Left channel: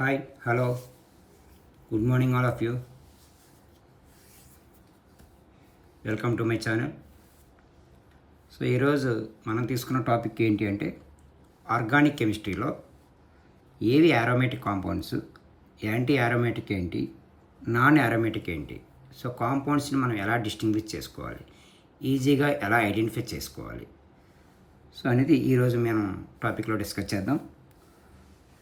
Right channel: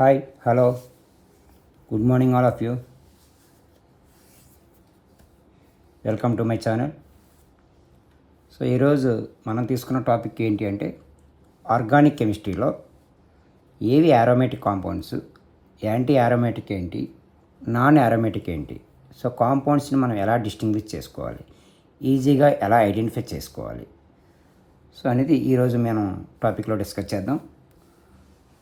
Hi hello good morning all of you. Welcome to my channel. So ఈరోజు మనం తీసుకున్న topic ఏంటి అంటే ఆర్గానిక్ కెమిస్ట్రీలో ఏవి యారోమేటిక్ కాంపౌండ్స్, యాంటీ యారోమేటిక్ ఏంటి, నాన్ యారోమేటిక్ ఏంటి, సో కాంపౌండ్స్ని మనం ఎలా డిస్టింగ్విష్ చేసుకోవాలి, ఈజీగా ఎలా ఐడెంటిఫై చేసుకోవాలి, సో అనేది ఈరోజు మనం టాపిక్లో డిస్కస్ చేద్దాం.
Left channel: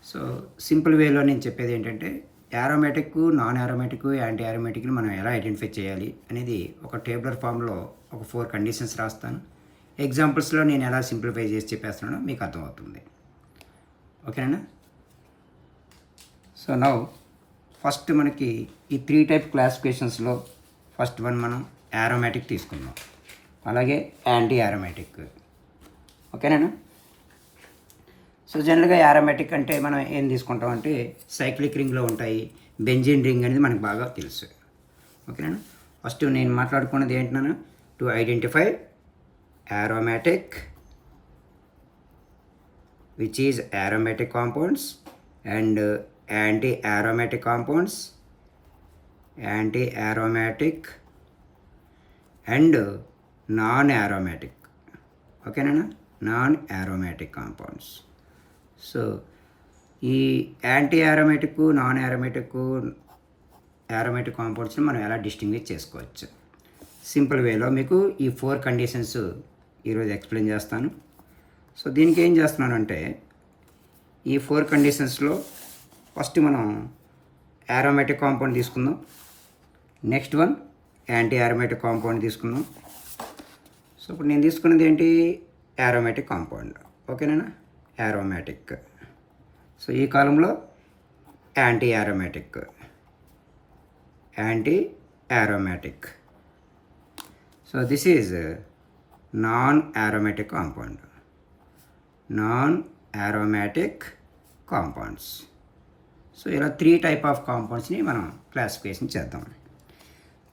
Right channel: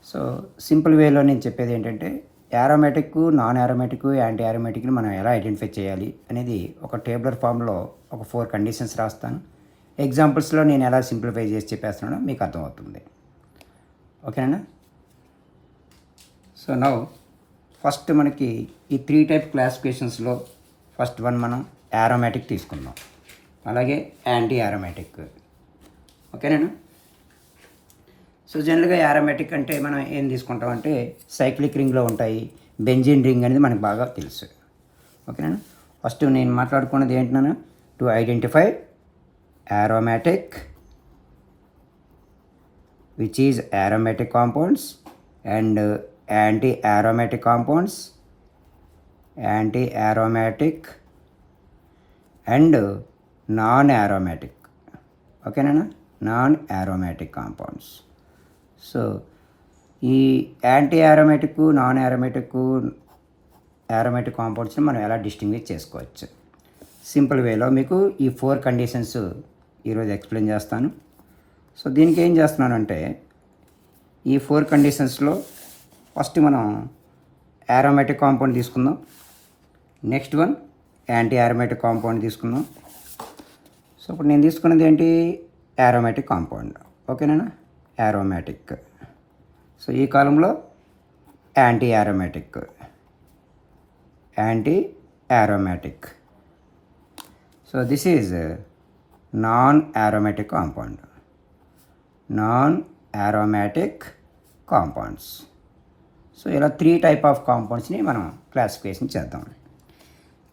సో సింపుల్ వేలో నేను చెప్పేది ఏంటంటే యారోమేటిక్, నాన్ యారోమేటిక్, యాంటీ యారోమేటిక్ని మనం ఎలా ఐడెంటిఫై చేయాలి అనేది ఒక టేబులర్ ఫామ్లో ఒక 4 కండిషన్స్ రాస్తాను. ఎగ్జాంపుల్స్లో నేను ఎలా సింప్లిఫై చేసి చెప్పేస్తున్నానో మీకు అర్థమవుతుంది. ఓకేనా? సో నౌ ఫస్ట్ మనకి ఈ 3 టైప్ క్లాసిఫికేషన్స్లో ఫస్ట్ వన్ మనం యారోమేటిక్ తీసుకుందాం, అలాగే యాంటీ యారోమేటిక్. ఓకేనా? సో జనరల్గా యారోమేటిక్ అంటే మనం ఏం తీసుకుంటాం అంటే సైక్లిక్ రింగ్లో ఉంటాయి, బెంజిన్ రింగ్ అనేది మనకు బాగా తెలుసు. ఓకేనా? ఫస్ట్ నేను మాట్లాడుకున్నది ఏంటన్నా, to identify aromatic which is aromatic compounds and anti aromatic compounds, anti aromatic and non aromatic. ఓకేనా? Non aromatic compounds. సో ఈ యాంటీ యారోమేటిక్, నాన్ యారోమేటిక్ కాంపౌండ్స్ని మనం ఎలా డిస్టింగ్విష్ చేసుకోవచ్చు సింపుల్ వేలో మీకు ఈ 4 కండిషన్స్ ఈరోజు ఎక్స్ప్లెయిన్ చేస్తాను. సో దీనికి ఏం చేస్తున్నానంటే ఈ 4 కండిషన్స్లో ఫస్ట్ మనం యారోమేటిక్ కాంపౌండ్ తీసుకుందాం, next one anti aromatic compound తీసుకుందాం. సో ఇప్పుడు నేను తీసుకున్నది ఏంటి, యారోమేటిక్ కాంపౌండ్. ఓకేనా? యారోమేటిక్. సో ఈ కాలంలో anti aromatic, anti aromatic. So this is non aromatic compound, non aromatic compounds. So ఇలా 3 టైప్ ఆఫ్ కాంపౌండ్స్ని మనం క్లాసిఫికేషన్ చేద్దాం.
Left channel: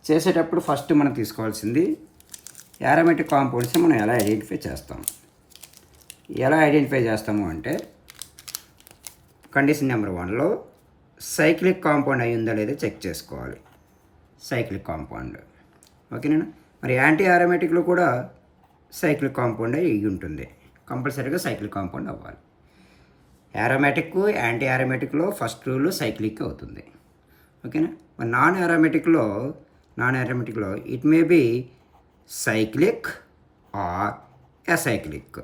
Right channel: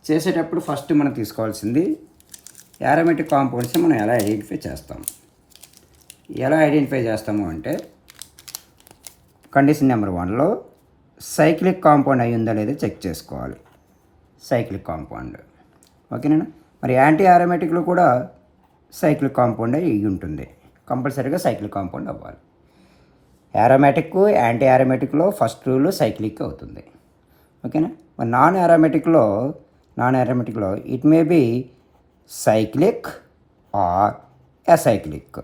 చేసేటప్పుడు ఫస్ట్ మనం తీసుకోవాల్సింది యారోమేటిక్ కాంపౌండ్స్ని మనం ఎలా ఐడెంటిఫై చేస్తాం. ఎలా ఐడెంటిఫై చేస్తాము అంటే కండిషన్ నెంబర్ 1లో సైక్లిక్ కాంపౌండ్ అయి ఉందా లేదా చెక్ చేసుకోవాలి. Cyclic compound. ఓకేనా? మరి యాంటీ యారోమేటిక్లో కూడా సైక్లిక్ కాంపౌండ్ అయి ఉంటుంది, కంపల్సరీగా సైక్లిక్ కాంపౌండ్ అవ్వాలి. యారోమేటిక్, యాంటీ యారోమేటిక్లో ఫస్ట్ రూల్ సైక్లిక్ అవుతుంది. ఓకేనా? మరి నాన్ యారోమేటిక్లో it may be cyclic or acyclic.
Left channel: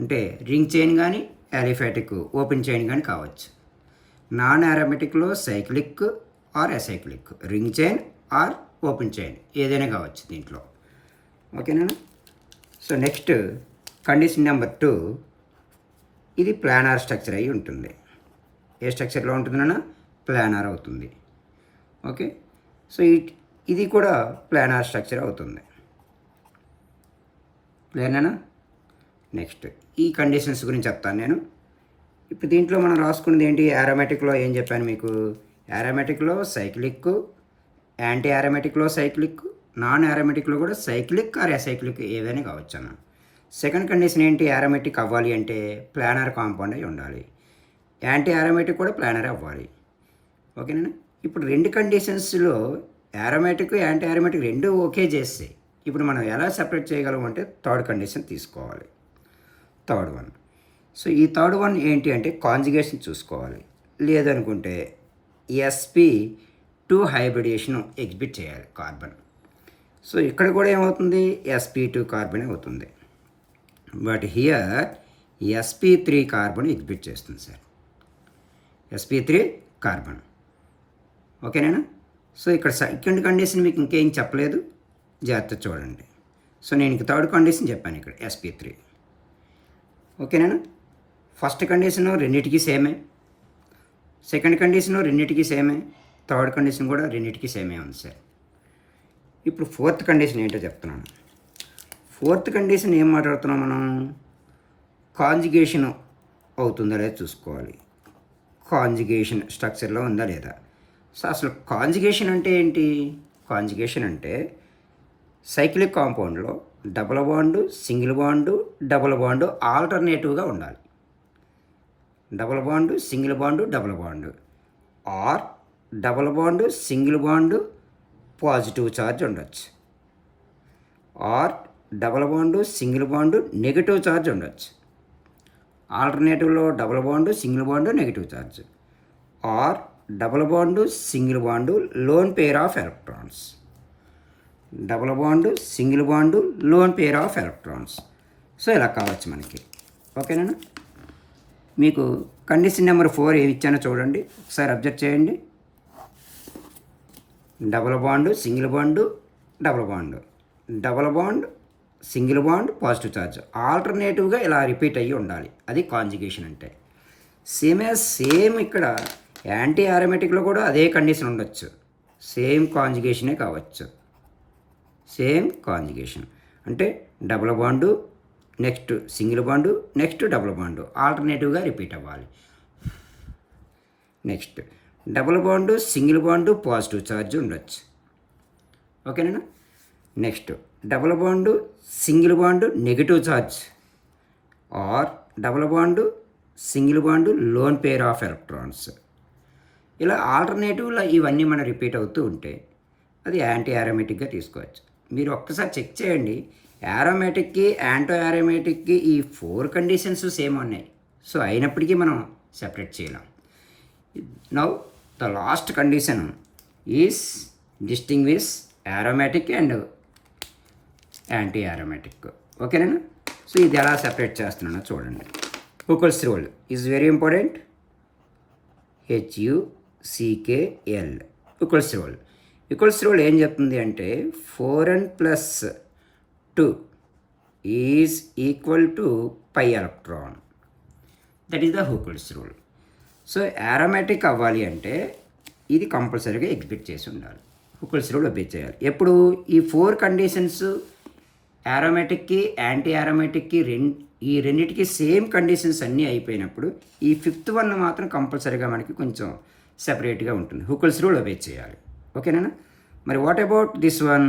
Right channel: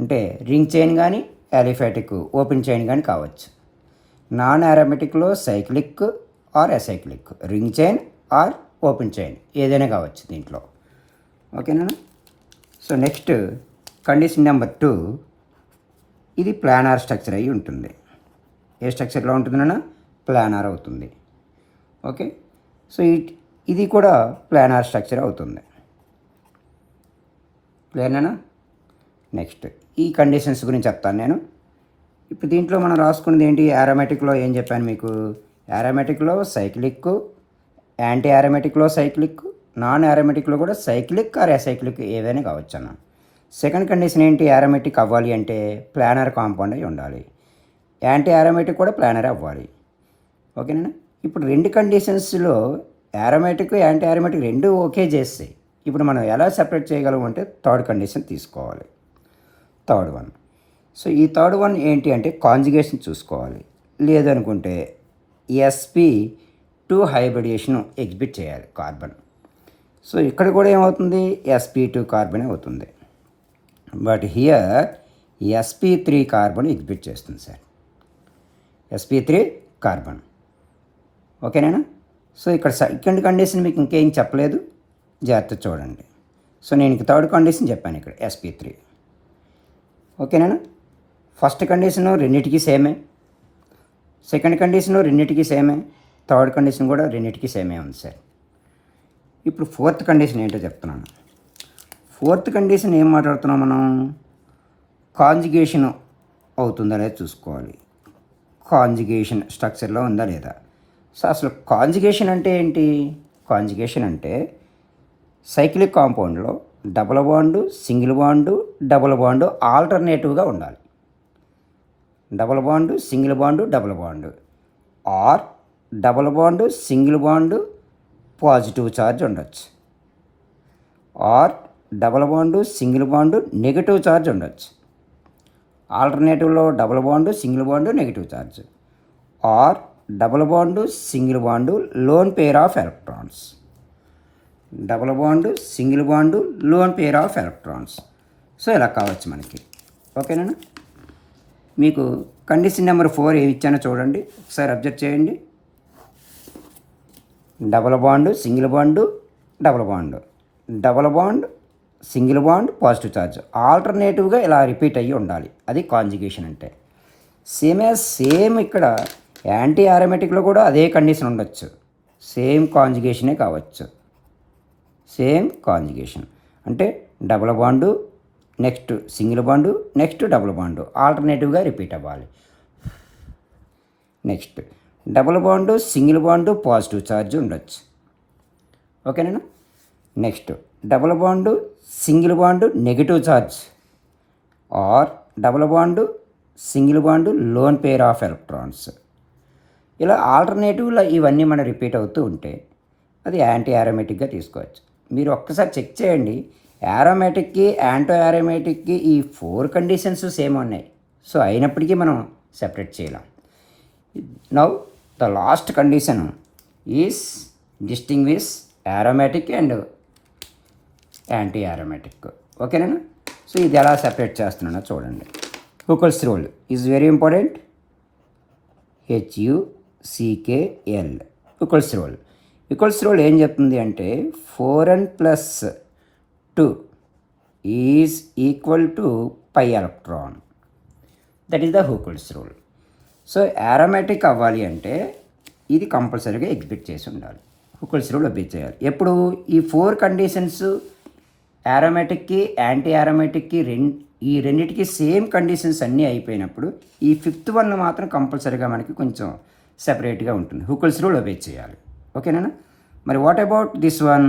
అంటే రింగ్ చైన్ కానీ అలిఫాటిక్ ఓపెన్ చైన్ కానీ కావచ్చు. నాన్ యారోమేటిక్లో cyclic or acyclic, ring chain or open chain ఏదైనా కావచ్చు దీంట్లో. ఓకేనా? సో నెక్స్ట్ కండిషన్ నెంబర్ 2, ఇది ప్లానార్ స్ట్రక్చర్ అయి ఉంటుంది. ఏ స్ట్రక్చర్లో ఉంటుందన్నా ప్లానార్ అవుతుంది. ఓకే? సో ఇది కూడా ప్లానార్ స్ట్రక్చర్ అవుతుంది. ప్లేనేనా? నెక్స్ట్ ఈ కండిషన్స్ గురించి చెప్తాను నేను. ఇప్పుడు దీంట్లో మనం రాసుకున్నది ఏంటి, యారోమేటిక్లో ఏం చెప్పాను మీకు, యారోమేటిక్లో సైక్లిక్, యాంటీ యారోమేటిక్లో సైక్లిక్, నాన్ యారోమేటిక్లో కూడా సైక్లిక్ ఆర్ అసైక్లిక్ ఏదైనా కావచ్చు అన్న. సెకండ్ కండిషన్ ఏంటి, యారోమేటిక్ అవ్వాలి అంటే ప్లానర్ కాంపౌండ్ అయి ఉండాలి, యాంటీ యారోమేటిక్ కూడా ప్లానర్ అవ్వాలి. ఓకేనా? ఇప్పుడు 2 కండిషన్స్లో యారోమేటిక్, యాంటీ యారోమేటిక్ 2 ఓకే చేస్తే ఇప్పుడు మనం ఎలా సెపరేట్ చేయగలం అంటే థర్డ్ కండిషన్ తీసుకోవాలి, థర్డ్ వన్. సో ఈ థర్డ్ వన్ ఏంటి అంటే కాంజుగేషన్ చూసుకోవాలి, లేదనుకుంటే sp2 హైబ్రిడేషన్ ఎగ్జిబిట్ చేయాలి కార్బన్. సో ఇక్కడ కూడా ఏమవుతుంది, sp2 కార్బన్ అవుతుంది. But here sp3 carbon exhibit చేస్తుంది సార్, sp3 కార్బన్. ఓకేనా? సో ఇక్కడ సెకండ్ కండిషన్ మీకు ఇంకేం చెప్పలేదు, జాగ్రత్త చూడండి. సో నేను ఇంక థర్డ్ కండిషన్ చెప్పాను ఇక్కడ sp3. ఓకేనా? ఫస్ట్ కండిషన్ రెండింటికి సేమే, సెకండ్ కండిషన్ రెండింటికి సేమే, థర్డ్ కండిషన్ కూడా రెండింటికి సేమే ఉంది సార్. ఇప్పుడు 4th కండిషన్ ఏంటో చెప్తున్నాను. 4th కండిషన్ ఏం మాట్లాడుతున్నాం మనం, కాంజుగేషన్ అవుతుందా లేదా చూసుకోవాలి, కాంజుగేషన్ స్ట్రక్చర్లో ఉందా లేదా. సో అసలు కాంజుగేషన్ అంటే ఏంటి, కాంజుగేషన్ అంటే సైక్లిక్ కాంపౌండ్లో double bond, single bond, double bond ఆల్టర్నేటివ్గా ఉండాలి. Double bond single bond double bond, or double bond single bond positive charge ఉండొచ్చు, or double bond single bond negative charge ఉండొచ్చు. ఆల్టర్నేటివ్లో double bond single bond negative charge, or double bond single bond lone pair of electrons, double bond single bond lone pair of electrons. So ఇలా కావచ్చు మనకి. ఓకేనా? మీకు condition number 4 ఏమి ఇచ్చానో చూడండి, ఒకసారి అబ్జర్వ్ చేయండి. Double bond single bond double bond, double bond single bond positive charge, ఆల్టర్నేటివ్గా ఇలా రిపీట్ అయ్యి ఉండాలి. అది కాంజుగేషన్ అంటే. సేమ్ ఇక్కడ యాంటీ ఆరోమేటిక్లో కూడా అదే కండిషన్ ఉండొచ్చు, సేమ్ కాంజుగేషనే కావచ్చు. సేమ్ కాంజుగేషన్ అంటే double bond next single bond next double bond ఆల్టర్నేటివ్గా రిపీట్ అవ్వాలి. Next double bond single bond positive charge ఉండొచ్చు. ఓకేనా? Next double bond single bond negative charge, or double bond single bond lone pair of electrons. ఇలా ఆల్టర్నేటివ్లో ఇవన్నీ మనం repeat అవుతూ ఉంటే అది యాంటీ ఆరోమేటిక్గా తీసుకోవచ్చు. మీరు ఒక్కసారి చెక్ చేయండి, ఆరోమేటిక్కి యాంటీ ఆరోమేటిక్కి ఈ 4 కండిషన్స్ సేమ్ ఉన్నాయి. సో అయినప్పటికీ మనం సెపరేట్ చేయలేం. Now the last condition is distinguish aromatic and anti aromatic. ఓకేనా? సో ఇది ఎలా సెపరేట్ చేస్తున్నానో చూడండి. Huckel's rule is very important. HUCKL Huckel's rule. Huckel's rule ఏం చెప్తుంది అంటే 4n + 2 is equal to pi electron. That is the Huckel's rule. So aromatic అవ్వాలి అంటే ఇది కంపల్సరీగా ఎగ్జిక్యూట్ చేసి ఉండాలి, హుకెల్స్ రూల్ ఒబే చేయాలి. ఎప్పుడు ఈ 4 కండిషన్స్ ఆరోమేటిక్కి యాంటీ ఆరోమేటిక్కి ఈ రెండింటికి సేమ్ కండిషన్స్ అన్నీ అయిపోయినప్పుడు ఈ 5th వన్ మాత్రం కంపల్సరీగా మనకి కొంచెం సెపరేట్గా ఉంటుంది, హుకెల్స్ రూల్ ఒబే చేయాలి. ఓకేనా? మరి what about this one?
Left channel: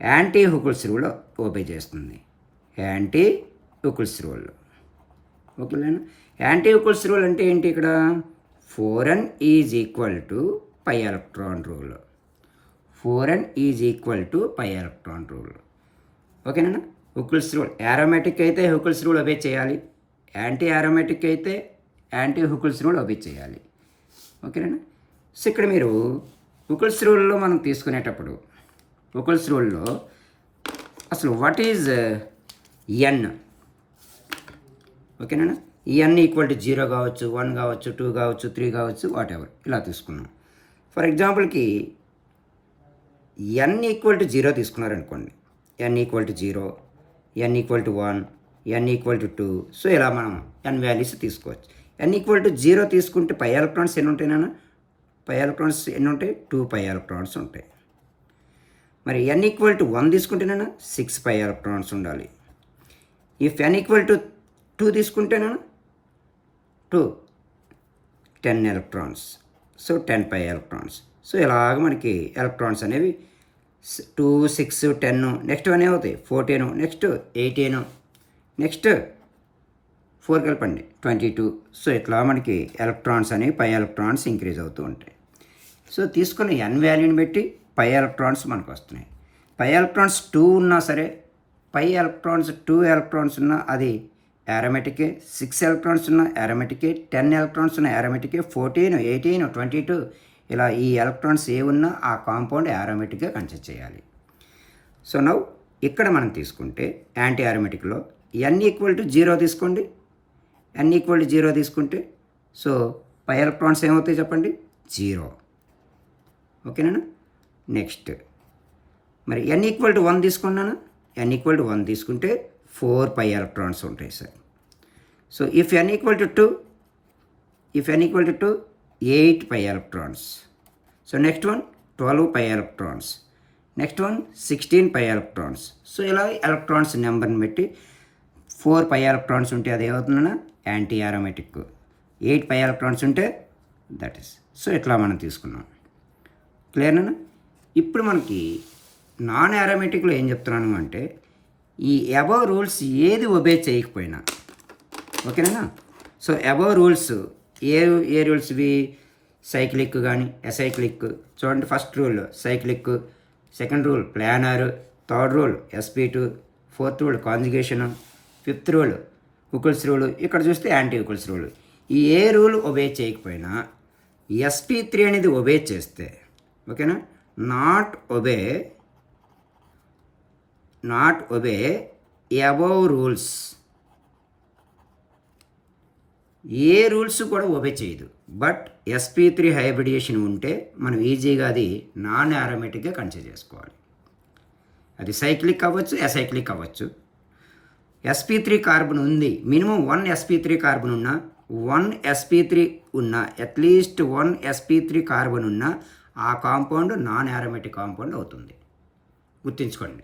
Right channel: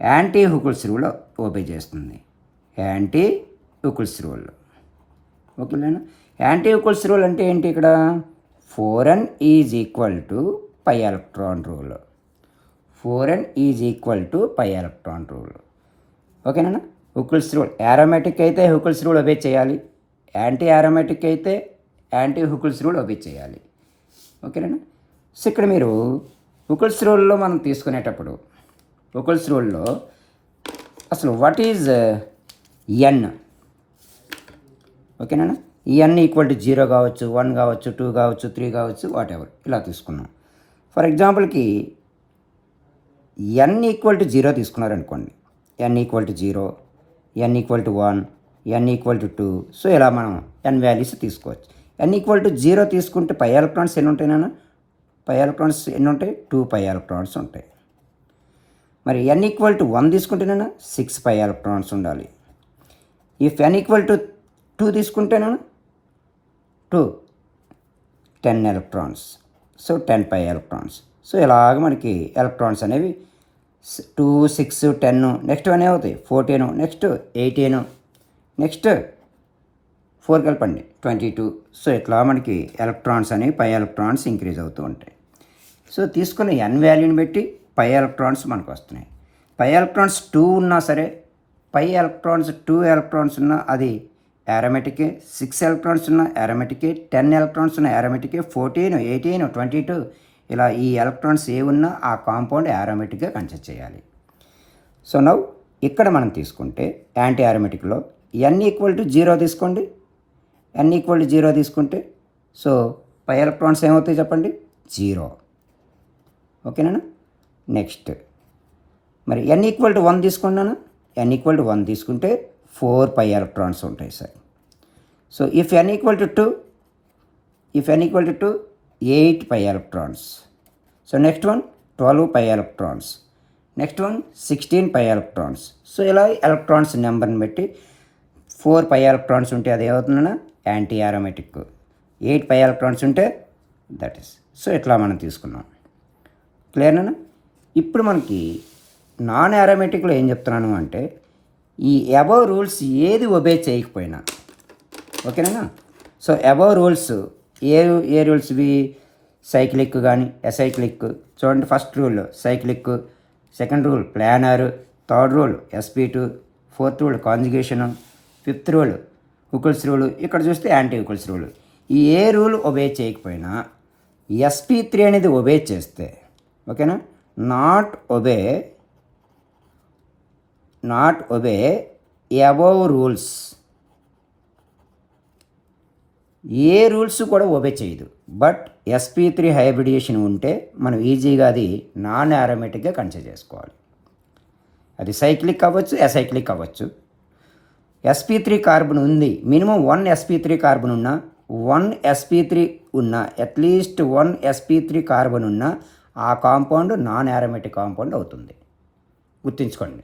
Anti Huckel's rule obey చేస్తుంది, యాంటీ హుకెల్స్ రూల్. ఓకేనా? యాంటీ హుకెల్స్ రూల్ అంటే ఏంటి? ఇక్కడ 4n is equal to pi electron rule, 4n is equal to pi electron rule. ఓకేనా? హుకెల్స్ రూల్ ఆరోమేటిక్ అయితే Huckel's rule obey చేయాలి, anti aromatic అయితే anti Huckel's rule obey చేయాలి. ఓకేనా? సో ఇక్కడ మీరు హుకెల్స్ రూల్లో మనం తీసుకునేటప్పుడు హుకెల్స్ రూల్లో అసలు వాట్ ఈజ్ ఎన్? ఓకేనా? ఈ n ఈక్వల్ టు 0 కావచ్చు, 1 కావచ్చు, 2 కావచ్చు, 3 కావచ్చు, వాట్ ఎవర్ ఇలా తీసుకున్నాం. ఫర్ ఎగ్జాంపుల్కి n equal to 0 తీసుకున్నారనుకోండి, n equal to 0, n equal to 1, n equal to 2. So ఇలా మనం n వాల్యూస్ తీసుకోవచ్చు. n ఈక్వల్ టు 0 తీసుకుంటే పై ఎలక్ట్రాన్స్ ఎన్ని ఉంటాయి నాన్న? పై ఎలక్ట్రాన్స్ ఎన్ని ఉంటాయి? 2 పై ఎలక్ట్రాన్స్ ఉంటాయి. మరి n ఈక్వల్ టు 1 తీసుకుంటేనా 6 పై ఎలక్ట్రాన్స్ ఉండాలి. ఇఫ్ n ఈక్వల్ టు 2 తీసుకుంటేనా 2 10 electrons, so 10 pi electrons. So ఇలాగ మనకి ఎలక్ట్రాన్స్ అనేవి 2, 6, 10, నెక్స్ట్ 1 ఏమవుతాయి 14, నెక్స్ట్ 18, నెక్స్ట్ 4 కలపండి 22. సో ఇట్లా మనకి ఎలక్ట్రాన్స్ అనేవి పై ఎలక్ట్రాన్స్ ఇంక్రీజ్ అవుతూ ఉంటాయి. సో తీసుకున్న n వాల్యూని బట్టి పై ఎలక్ట్రాన్స్ మనకు వస్తున్నాయి. పై ఎలక్ట్రాన్స్ 2 ఉన్నా సరే, పై ఎలక్ట్రాన్స్ 2 ఎలక్ట్రాన్స్ ఉన్నా అది ఆరోమేటికే, 6 ఎలక్ట్రాన్స్ ఉన్న ఆరోమేటికే, 10 ఎలక్ట్రాన్స్ ఉన్న ఆరోమేటికే, 14, 18, 22 ఇలా ఈ ఎలక్ట్రాన్స్ ఏ ఉన్నా ఆ కాంపౌండ్ ఆరోమేటిక్గా కన్సిడర్ చేయాలి. సో నౌ ఇక్కడ మనం తీసుకుంటే యాంటీ ఆరోమేటిక్లో n ఈక్వల్ టు 0 తీసుకోండి, n ఈక్వల్ టు 0 తీసుకుంటే సో పై ఎలక్ట్రాన్స్ ఏమవుతాయి చెప్పండి? 0. ఓకేనా? నెక్స్ట్ మరి n ఈక్వల్ టు 1 తీసుకున్నాను, n ఈక్వల్ టు 1 తీసుకుంటే 4 పై ఎలక్ట్రాన్స్ ఉంటాయి sir. So if n equal to 2, if n equal to 2, 8 pi electrons. So next one 12 pi electrons, next one 16 pi electrons. So ఇలా electrons నెంబర్ని బట్టి 4 pi electrons ఉంటే అది ఏమవుతుందన్నా anti aromatic, 8 pi electrons ఉంటే that is. So ఇట్లా మనం తీసుకున్నాం. క్లియర్నా? ఇప్పుడు మనకి నాన్ ఆరోమేటిక్లో ఏం చెప్తున్నాను అంటే ఈ అబవ్ రూల్స్ ఏది ఒబే చేయకపోయినా, ఓకేనా, సో అబౌవ్ రూల్స్ ఏ ఏ రూల్స్ ఇవి? సైక్లిక్ కానీ అసైక్లిక్. చూడండి, first rule cyclic, second rule planar, third rule SP2, fourth rule conjugation, fifth rule Huckel's rule, ఇక్కడ చూస్తే యాంటీ హుకిల్స్ రూల్. ఈ ఏ రూల్ ఒబే చేయకపోయినా SP3 అనేది ఒబే చేస్తే, ఓకేనా, not obey above rules, A rules కూడా ఒబే చేయదు. బట్ SP3 హైబ్రిడేషన్ ఉంటే మనం ఈజీగా అది నాన్ యారోమేటిక్గా కన్సిడర్ చేసుకోవాలి. అది సైక్లిక్ అవ్వచ్చు, అసైక్లిక్ అవ్వచ్చు. SP3 కార్బన్ ఉంది, మినిమం 1 SP3 కార్బన్ ఉన్న, 1 SP3 ఉన్న, అట్లీస్ట్ 1 SP3 కార్బన్ ఉన్న ఆ కాంపౌండ్ నాన్ యారోమేటిక్ కాంపౌండ్ అవుతుంది. గుర్తుంచుకోండి,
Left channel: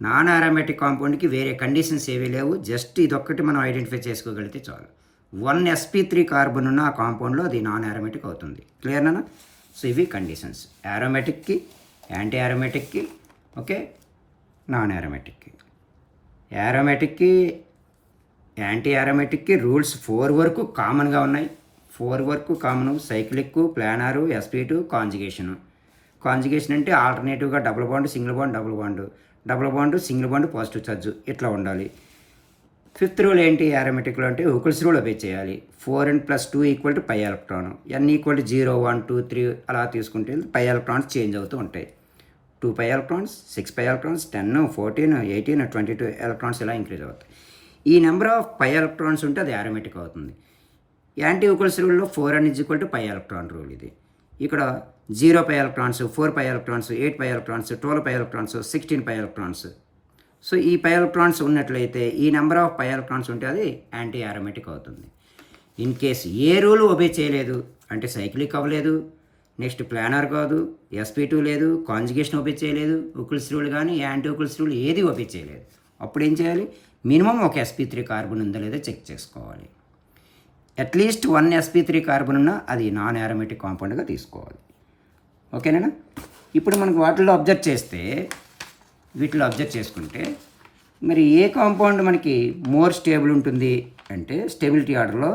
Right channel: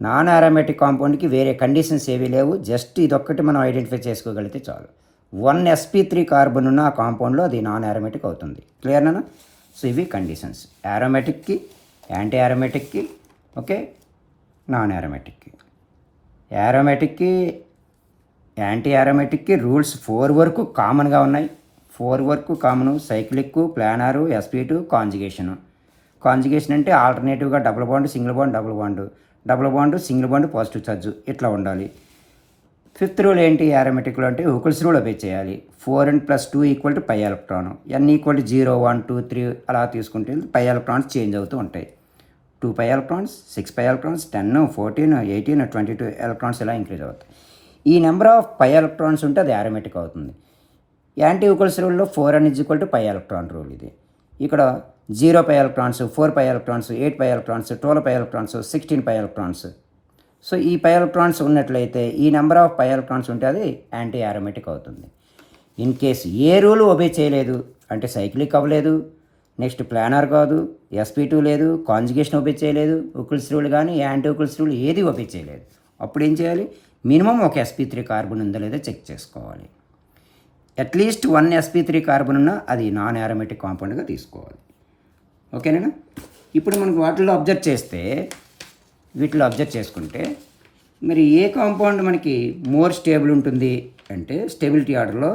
నాన్ యారోమేటిక్ కాంపౌండ్కి వేరే కండిషన్స్ ఏవీ లేవు. జస్ట్ ఇదొక్కటి మనం ఐడెంటిఫై చేసుకోగలిగితే చాలు. 1 SP3 కార్బన్ ఉన్న ఆ కాంపౌండ్లో అది నాన్ యారోమేటిక్ అవుతుంది. క్లియర్నా? సో ఇవి కండిషన్స్ యారోమేటిక్కి, యాంటీ యారోమేటిక్కి, ఓకే, నాన్ యారోమేటిక్కి. యారోమేటిక్కి, యాంటీ యారోమేటిక్కి రూల్స్ 4 వరకు కామన్గా ఉన్నాయి. 4 వరకు common: cyclic, planar, SP2, conjugation. Conjugation అంటే ఆల్టర్నేటివ్గా double bond, single bond, double bond, double bond, single bond, positive charge ఇట్లా ఉండాలి. ఫిఫ్త్ రూల్ ఏంటి యారోమేటిక్లో అంటే హుకిల్స్ రూల్ ఒబే చేయాలి. 4n+2 = పై ఎలక్ట్రాన్, n = 0, 1, 2, 3 అలా తీసుకుంటే పై ఎలక్ట్రాన్స్ చేంజ్ అవుతూ ఉంటాయి. 2 pi electrons, 6 pi electrons, 10, 14, 18, 22 electrons ఇలా ఇంక్రీజ్ అవుతాయి. ఈ నెంబర్ ఆఫ్ పై ఎలక్ట్రాన్స్ ఉంటే అది యారోమేటిక్ అవుతుంది. యాంటీ హుకిల్స్ రూల్లో 4n = పై ఎలక్ట్రాన్ రూల్ ఇది. ఇక్కడ 0 pi electrons, 4 pi electrons, 8 pi electrons, 12 pi electrons, 16 pi electrons. So ఈ పై ఎలక్ట్రాన్స్ ఉన్నట్లయితే, ఈ నెంబర్ ఆఫ్ పై ఎలక్ట్రాన్స్ ఉంటే అది యాంటీ యారోమేటిక్ అవుతుంది. In case A rule obey చేయలేదు అంటే సైక్లిక్ అవ్వలేదు, నెక్స్ట్ ప్లానర్ కాదు, SP2 లేదు, కాంజుగేషన్ ఒబే చేయలేదు, హుకిల్స్ రూల్ కానీ యాంటీ హుకిల్స్ రూల్ ఏది ఒబే చేయలేదు, అప్పుడు ఏం చేయాలి? మినిమం ఒక SP3 కార్బన్ ఉందో లేదో చెక్ చేసుకోవాలి. అట్లీస్ట్ 1 SP3 కార్బన్ ఉన్నా అది నాన్ యారోమేటిక్ కాంపౌండ్గా తీసుకోవాలి. ఓకేనా? ఇప్పుడు మనకు వీటిలో అబ్జర్వ్ చేసుకుంటే మరి ఏ కాంపౌండ్ మనకి మోర్ స్టేబుల్ ఉంటుంది అంటే స్టెబిలిటీ ఆర్డర్లో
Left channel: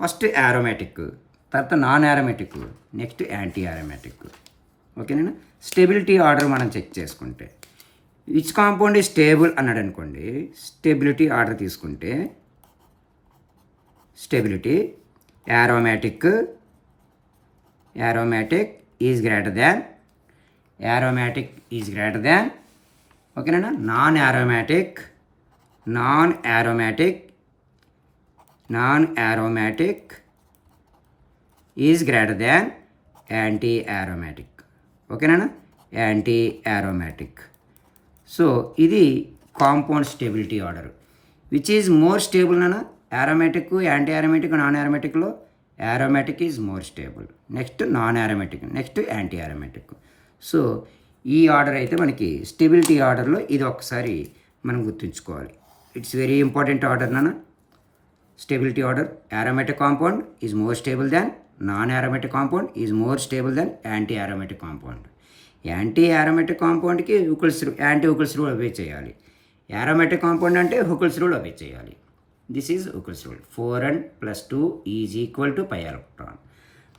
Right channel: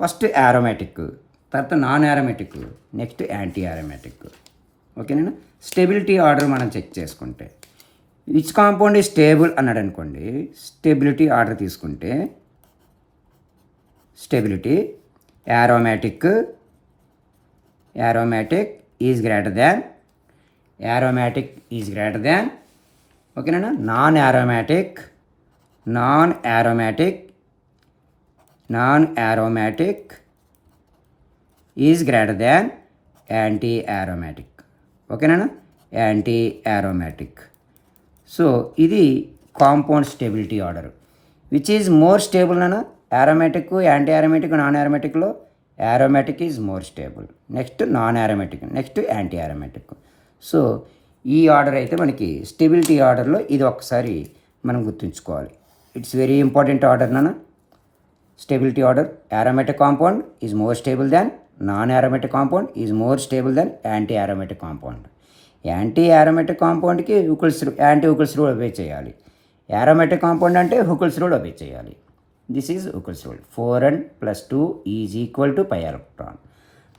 ఫస్ట్ యారోమేటిక్, తర్వాత non aromatic, next anti aromatic. ఓకేనా? స్టెబిలిటీ ఆర్డర్ మనం చెక్ చేసుకుంటే విచ్ కాంపౌండ్ ఈ స్టేబుల్ అన్నాడు అనుకోండి, స్టెబిలిటీ ఆర్డర్ తీసుకుంటే stability aromatic is greater than ఓకేనా, non aromatic is greater than anti aromatic. ఓకేనా? Anti aromatic. సో ఇది compound stability order. Which is more stable అన్న యారోమేటిక్, యాంటీ యారోమేటిక్, నాన్ యారోమేటిక్లో aromatic is more stable, next non aromatic, next anti aromatic. So ఈ order అయితే మనకి stability ఆర్డర్లో ఇది ఒకసారి మనం గుర్తుంచుకోవాలి. ఇట్స్ వెరీ ఇంపార్టెంట్ ఆర్డర్ నాన్న. Stability order: aromatic compound is more stable than non aromatic compound is more stable than anti aromatic compound. Anti aromatic కాంపౌండ్కి యాంటీ హుకిల్స్ రూల్ ఒబే చేయాలి. యారోమేటిక్ కాంపౌండ్ అంటే Huckel's rule obey చేయాలి. This is Huckel's rule. 4n+2 = pi electron.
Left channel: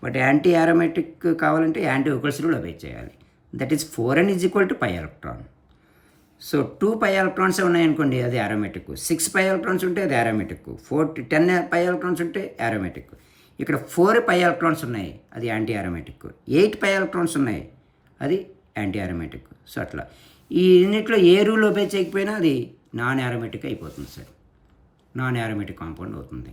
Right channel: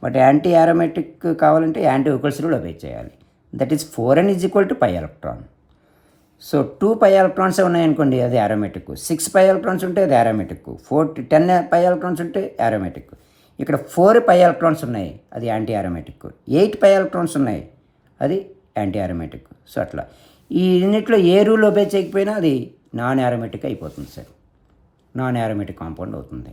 But anti aromatic కావాలంటే anti Huckel's rule obey చేయాలి. That is 4n = pi electron. So 2 pi electrons ఉన్నాయనుకోండి అది aromatic, 6 pi electrons ఉంటే అది aromatic, 10 pi electrons ఉంటే aromatic. ఇక్కడ 4 pi electrons ఉన్నాయి అది యాంటీ యారోమేటిక్, 8 పై ఎలక్ట్రాన్స్ ఉన్నాయి అది యాంటీ యారోమేటిక్. సో అట్లా ఈ యూనిట్లో ఏ రూల్ ఒబే చేయకపోయినా అది నాన్ యారోమేటిక్ అయిపోతుంది సార్, నాన్ యారోమేటిక్ కాంపౌండ్ అవుతుంది.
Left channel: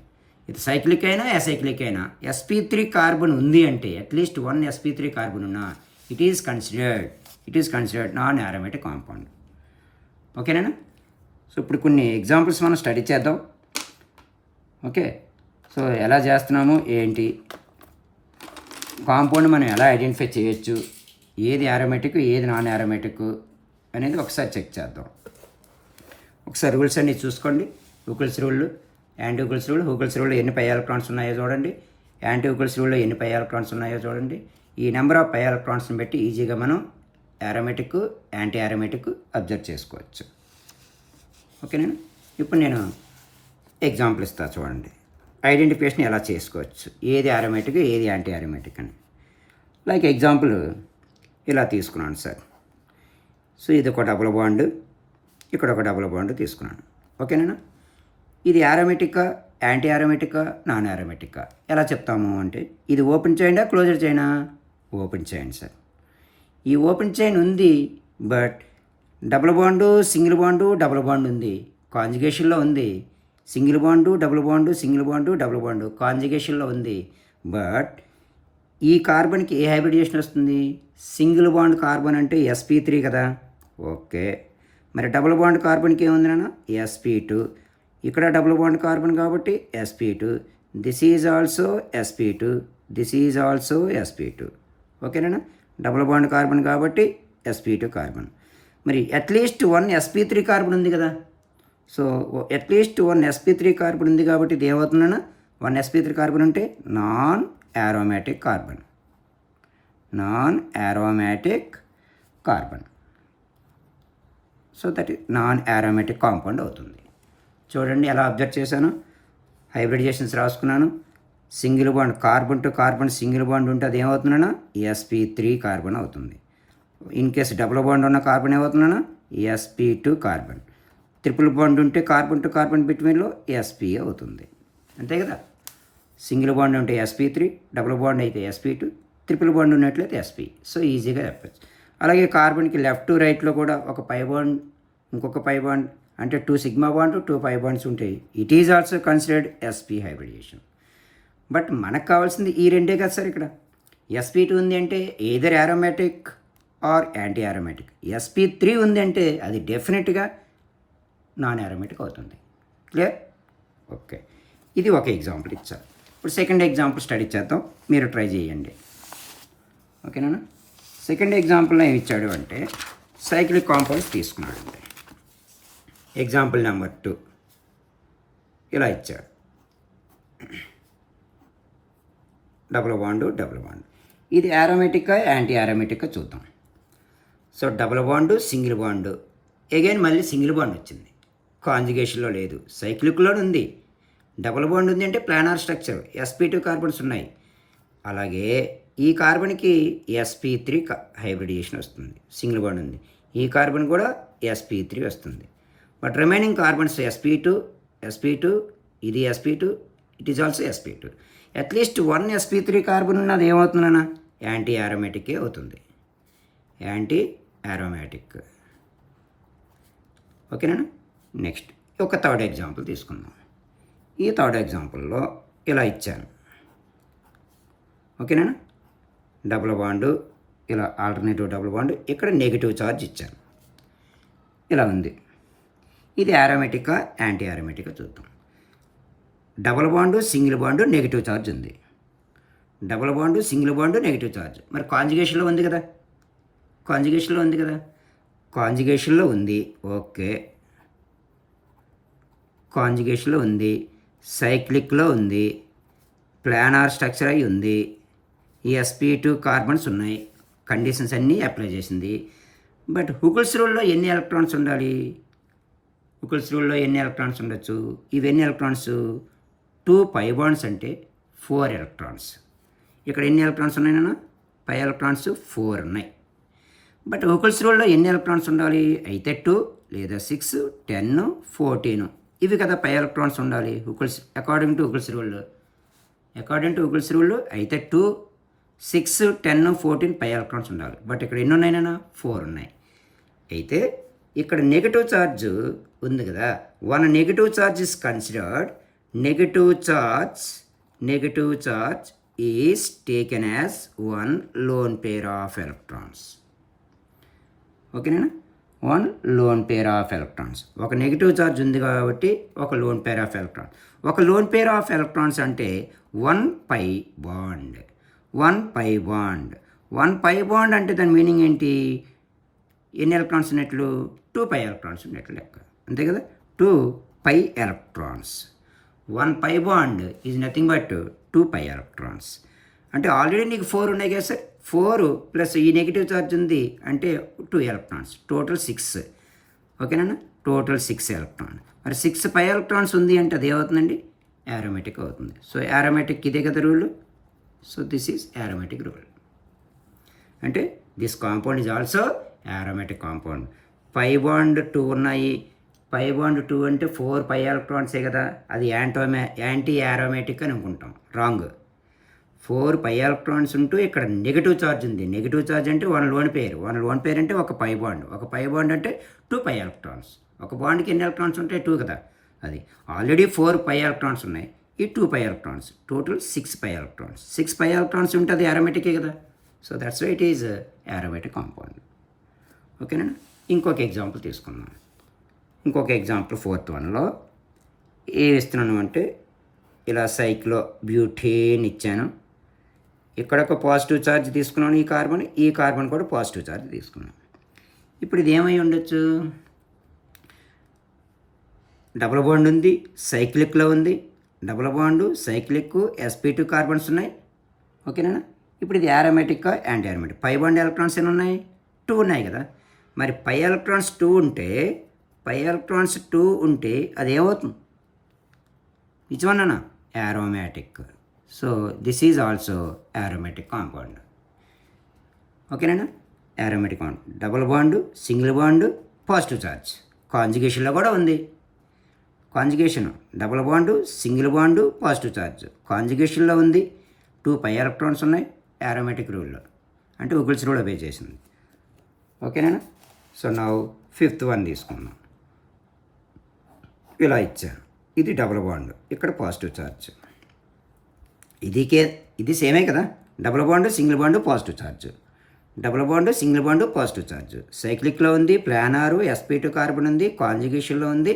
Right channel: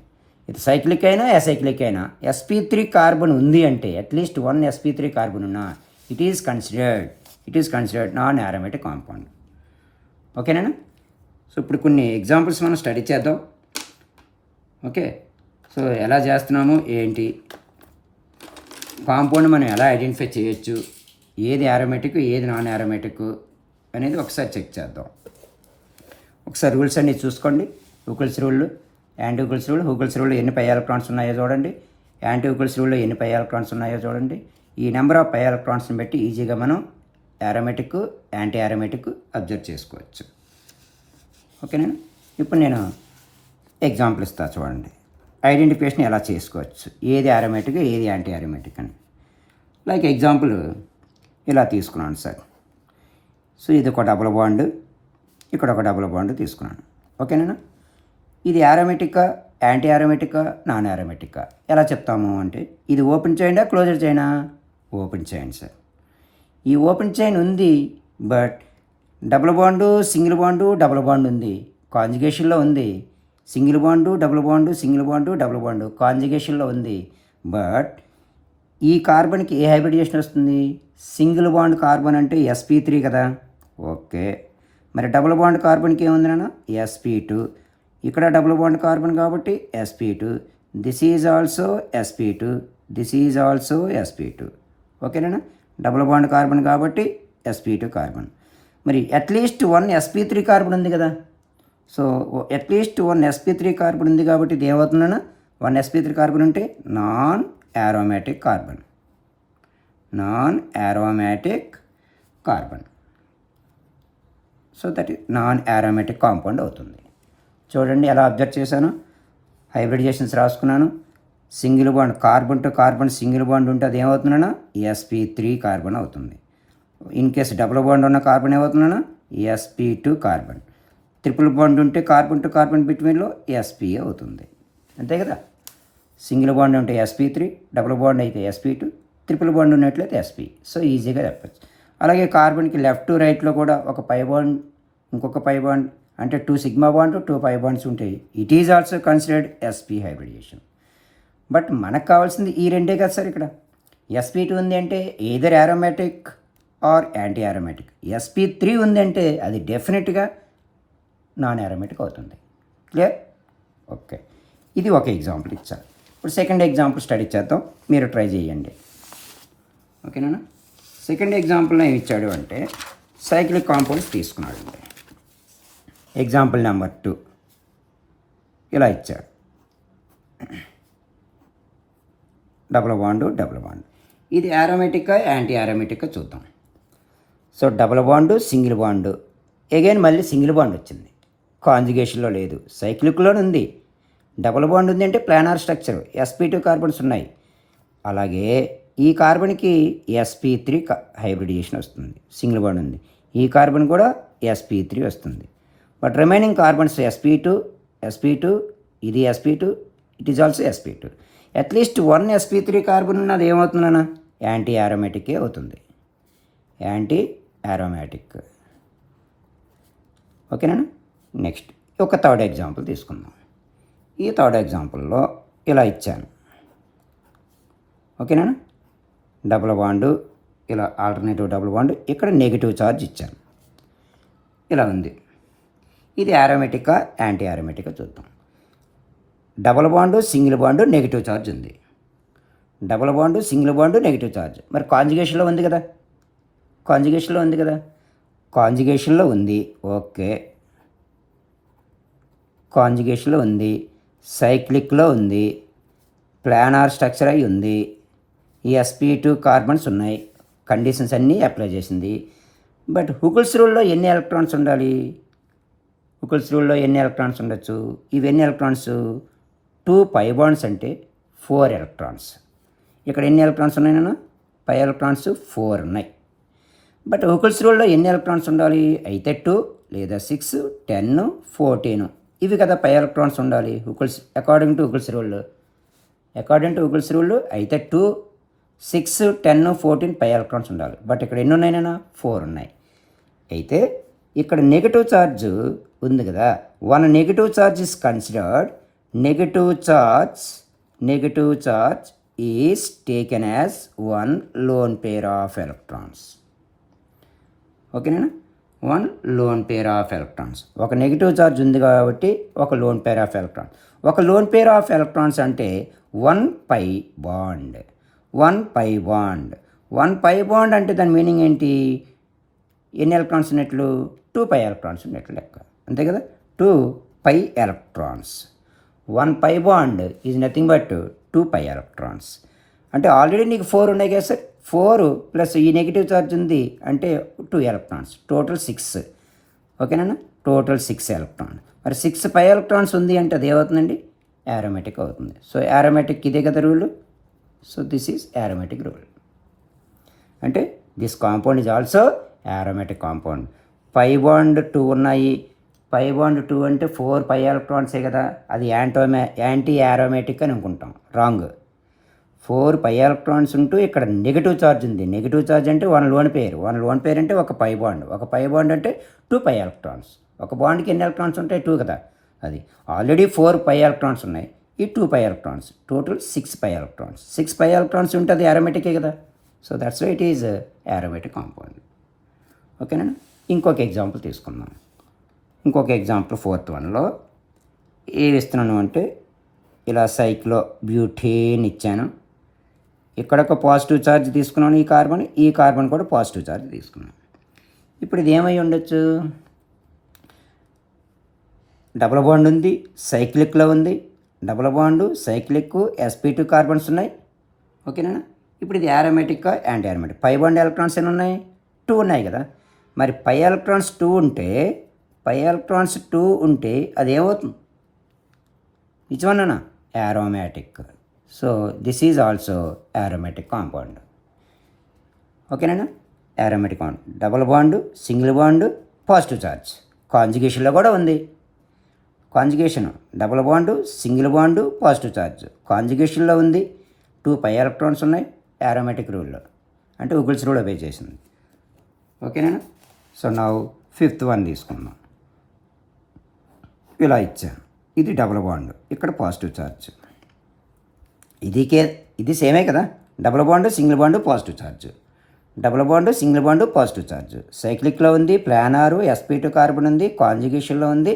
ఇది సైక్లిక్ అయినా అసైక్లిక్ అయినా SP3 కార్బన్ ఉంది అంటే అట్లీస్ట్ 1 SP3 కార్బన్ ఉన్నా it is considered non aromatic compound. ఓకేనా? సో ఇప్పుడు కొన్ని ఎగ్జాంపుల్స్ మనం స్టడీ చేద్దాం. ఓకే, సో ఎలా చేస్తున్నాము ఏంటి, కాంపౌండ్ మనం ఎలా ఐడెంటిఫై చేయొచ్చు, ఏది యారోమేటిక్ ఏది నాన్ యారోమేటిక్ అనేది ఒకసారి చెక్ చేద్దాం. ఒకసారి రూల్స్ అన్నీ చూసుకోండి. హుకిల్స్ రూల్, యాంటీ హుకిల్స్ రూల్. హుకిల్స్ రూల్లో ఎన్ని పై ఎలక్ట్రాన్స్ ఉన్నాయో చూడండి, యాంటీ హుకిల్స్ రూల్లో ఎన్ని పై ఎలక్ట్రాన్స్ ఉన్నాయో చూడండి. ఈ నెంబర్ ఆఫ్ పై ఎలక్ట్రాన్స్ని బట్టి ఈజీగా మనం యారోమేటిక్, యాంటీ యారోమేటిక్ అబ్జర్వ్ చేసుకోవచ్చు. ఓకేనా? ఇప్పుడు నేను ఎగ్జాంపుల్ ఇస్తాను చూడండి. ఐడెంటిఫికేషన్ ఎలా చేసుకోవచ్చు, ఏది అరోమాటిక్ ఏది యాంటీ అరోమాటిక్ అని. లైక్ ఎగ్జాంపుల్ ఇలా తీసుకున్నాను సార్. సో ఇది ఒక డబుల్ బాండ్, ఇక్కడ ఒక డబుల్ బాండ్ తీసుకున్నాను. ఓకేనా? ఇది అరోమాటికా, యాంటీ అరోమాటికా, నాన్ అరోమాటికా ఎలా చెప్తాము అంటే, ఇది ఓపెన్ చైనా క్లోజర్ చైనా? Open chain sir. ఈ ఓపెన్ చైన్ ఉంది, but double bond single bond double bond ఉంది, కాంజుగేషన్లో ఉంది. Single bond double bond single bond double bond కాంజుగేషన్లో ఉంది. బట్ ఈ కార్బన్కి ఏ హైబ్రిడేషన్ వస్తుంది? సింగిల్ బాండ్ కార్బన్ అంటే sp3 కదా. ఓకే, మరి డబుల్ బాండ్ కార్బన్కి ఏముంది నాన్న? sp2. ఇక్కడ డబుల్ బాండ్ కార్బన్ కాబట్టి sp2. This is also sp2, this is also sp2. ఓకేనా? డబుల్ బాండ్ కార్బన్ కాబట్టి sp2 కార్బన్. మరి అట్లీస్ట్ 1 sp3 కార్బన్ ఉంది కదా. సో అట్లీస్ట్ 1 sp3 కార్బన్ ఉంది కాబట్టి ఇది ఏమవుతుందన్నా? 1 sp3 కార్బన్ ఉంటే non aromatic carbon, non aromatic carbon. So that non aromatic compound అవుతుంది. చూడండి ఎలా అబ్జర్వ్ చేశాను, హైబ్రిడైజేషన్స్ రాసుకున్నాను. Single bond carbon to carbon single bond ఉంటే అది ఏమవుతుందన్నా? sp3 కార్బన్ అవుతుంది. ఇన్ కేసు డబుల్ బాండ్ ఉన్న కార్బన్ ఏమవుతుందన్నా? sp2 carbon. ట్రిపుల్ బాండ్ ఉంటే కార్బన్ టు కార్బన్ బిట్వీన్లో sp అవుతుంది. అంతే కదా. సింగిల్ బాండ్ ఉంటే sp3, డబుల్ బాండ్ అయితే sp2, ట్రిపుల్ బాండ్ ఉన్నట్లయితే sp. సో ఈజీగా చెప్పచ్చు. అలాగే కార్బన్కి లెఫ్ట్ టు రైట్లో కూడా ఒక పై బాండ్, ఇంకొక పై బాండ్, అంటే 2 సిగ్మా బాండ్ 2 పై బాండ్స్ ఉంటాయి. It is also considered sp hybridisation. But మనకు కావాల్సింది ఈ రెండే కదా సార్. ఇక్కడ sp2 ఉంది అంటే either aromatic or anti aromatic. sp3 ఉంది అంటే అది డెఫినెట్గా నాన్ aromatic అవుతుంది. క్లియర్? ఓకే, ఇది ఒక ఎగ్జాంపుల్ ఇచ్చారు. ఇప్పుడు సెకండ్ ఎగ్జాంపుల్ స్టడీ చేద్దాం, మీరు ట్రై చేయండి. ఓకేనా? సెకండ్ ఎగ్జాంపుల్లో ఏమి ఇచ్చాడు అంటే సైక్లిక్ కాంపౌండ్స్ తీసుకున్నాడు. ఎగ్జాంపుల్ నెంబర్ 2 ఇలా ఇచ్చాడు. Double bond double bond. ఇది aromatic యాంటీ aromatic చూద్దాం. So double bond single bond, again మళ్ళీ సింగిల్ బాండ్ వచ్చింది, కాంజుగేషన్లో లేదు, సైక్లిక్లో ఉంది. డబుల్ బాండ్ ఉంది అంటే ప్లానార్ స్ట్రక్చర్, sp2 కార్బన్స్ ఉన్నాయి. అలాగే ఈ కార్బన్కి sp3 హైబ్రిడేషన్ వస్తుంది, సింగిల్ బాండ్ ఉంది. ఈ కార్బన్ కూడా sp3 వస్తుంది. బట్ రిమైనింగ్ కార్బన్స్ sp2, ఇది sp2, it is also sp2. At least 1 sp3 carbon ఉన్నది ఏమవుతుందన్నా? యాంటీ aromatic అవుతుంది, యాంటీ aromatic. ఓకేనా? నెక్స్ట్ ఒక థర్డ్ ఎగ్జాంపుల్ తీసుకుందాం. ఈ థర్డ్ ఎగ్జాంపుల్లో ఇలా ఇచ్చాను. ఓకేనా? డబుల్ బాండు, ఇలా ఆల్టర్నేటివ్ డబుల్ బాండ్, ఇక్కడ నెగిటివ్ ఛార్జ్ ఇచ్చాను. ఇలా ఉంది. ఇది aromatic యాంటీ aromatic చూద్దాం. Double bond single bond negative charge ఉంది, double bond single bond negative charge. మరి కాంజుగేషన్లో ఉంది కదా, కాంజుగేషన్లో ఉంది కదా, కాంజుగేషన్లో ఉంది. ఓకే, కాంజుగేషన్లో ఉంది, సైక్లిక్లో ఉంది, ప్లానార్ స్ట్రక్చర్ అయి ఉంది, ఈ sp2 కార్బన్స్ ఉన్నాయి, కండిషన్స్ అన్నీ అప్లై చేసింది. బట్ హుకిల్స్ రూల్లో ఎన్ని ఎలక్ట్రాన్స్ ఉండాలి? హుకిల్స్ రూల్లో ఎన్ని ఎలక్ట్రాన్స్ ఉండొచ్చు? ఇవి ఎన్ని ఎలక్ట్రాన్స్? 2 పై బాండ్స్ అంటే 4 ఎలక్ట్రాన్స్. ఇక్కడ ఎన్ని ఎలక్ట్రాన్స్ ఉన్నాయన్నా? పై ఎలక్ట్రాన్స్ 4 ఉన్నాయి. బట్ హుకిల్స్ రూల్లో ఎన్ని ఎలక్ట్రాన్స్ ఉండాలి? అయితే 2 లేదా 6, 10, 14 ఇవి కదా పై ఎలక్ట్రాన్స్ ఉండాలి Huckel's according to Huckel's rule. According to Huckel's rule అయితే 2, 6, 10, 14 పై ఎలక్ట్రాన్స్ ఉండాలి. బట్ ఇక్కడ ఎన్ని ఉన్నాయినా? 4 ఉన్నాయి. అయితే ఇక్కడ నెగిటివ్ ఛార్జ్ ఉంది కదా, 1 negative charge is considered. Negative charge is taken as 1 loan pair of electrons. ఓకేనా? 1 లోన్ పేర్ ఆఫ్ ఎలక్ట్రాన్స్. ఒక నెగిటివ్ ఛార్జ్ ఉంది కాబట్టి ఒక లోన్ పేర్ ఆఫ్ ఎలక్ట్రాన్స్. ఒక లోన్ పేర్ ఆఫ్ ఎలక్ట్రాన్స్ అంటే 1 పై బాండ్. 1 పై బాండ్ అంటే దాని meaning ఏంటి? ఎన్ని ఎలక్ట్రాన్స్ ఉన్నట్లు? 2 పై ఎలక్ట్రాన్స్ ఉన్నట్లు లెక్క, అంతే కదా. 2 pi electrons. 1 pi bond is nothing but 2 pi electrons. అంటే ఆల్రెడీ నీకు 4 ఉన్నాయి కదా సార్, 4 ప్లస్ ఈ నెగిటివ్ ఛార్జ్ ఉంది అంటే 2 ఎలక్ట్రాన్స్, టోటల్ 6. ఓకేనా? Total 6 electron. మరి 6 పై ఎలక్ట్రాన్స్ ఉంది అంటే అది ఏమవుతుందండి? aromatic అవుతుంది. సో aromatic ఇదే కదా rule. So this is aromatic rule. అంటే this compound is also aromatic compound. Pi bond 2 ఉన్నాయి. పై బాండ్ 2 అంటే 4 పై ఎలక్ట్రాన్సే కదా, అది యాంటీ aromatic అని అనుకుంటాం. రాంగ్. 4 పై ఎలక్ట్రాన్స్ ఉంటూ ఇక్కడ నెగిటివ్ ఛార్జ్ ఉంది. నెగిటివ్ ఛార్జ్ అంటే వన్ లోన్ పేర్ అంటే ఒక పై బాండ్ అంటే 2 పై ఎలక్ట్రాన్స్. ఒక బాండ్కి ఎన్ని ఎలక్ట్రాన్స్ ఉంటాయి? 2 కదా. అది ఆల్రెడీ 4 పై ఎలక్ట్రాన్స్ ఉన్నాయి, ఈ 2 pi electrons, total 6 pi electrons. 6 pi electrons ఉంటే అది aromatic కదా. So that's why it is aromatic compound. ఓకేనా. ఇంకొక ఎగ్జాంపుల్ తీసుకుందాం. ఇంకొక ఎగ్జాంపుల్ 4th వన్లో ఏమి ఇస్తున్నాను అంటే ఇలా సైక్లో బ్యూటేన్ ఇచ్చాను. ఇక్కడ ఒక పాజిటివ్ ఛార్జ్ తీసుకున్నాను, ఈ కార్బన్ కూడా పాజిటివ్ ఛార్జ్ తీసుకున్నాను. ఇప్పుడు ఇది ఏమై ఉండొచ్చు? డబుల్ బాండ్ ఉంది, సైక్లిక్లో ఉంది. Double bond, cyclic, sp2 carbons ఉన్నాయి. ఓకేనా. ఇప్పుడు ఇది aromatic anti aromatic. Pi bond electrons ఎన్ని ఉన్నాయి? 2 ఉన్నాయి కదా. మరి పై ఎలక్ట్రాన్స్ 2 ఉంటే అది ఏమవుతుంది? నిజమన్నా aromatic. So this is also aromatic compound. ఓకేనా. aromatic compound. Double bond, single bond, positive charge. కాంజుగేషన్లో కూడా ఉంది. Conjugation double bond, single bond, positive charge కాంజుగేషన్లో ఉంది. 2 పై ఎలక్ట్రాన్స్ ఉన్నాయి aromatic రూల్లో, అంటే ఉగిల్స్ రూల్ obey చేసింది. ఓకేనా. సో నా 5th వన్ తీసుకుందాం. ఇలా ఇచ్చాను. ఇది డబుల్ బాండ్, ఇక్కడ పాజిటివ్ ఛార్జ్. ఇది సేమే కదా. Double bond, single bond, positive charge. Double bond, single bond, positive charge. సైక్లిక్లో ఉంది, ప్లానారు, sp2 కార్బన్ ఉంది, కాంజుగేషన్లో ఉంది.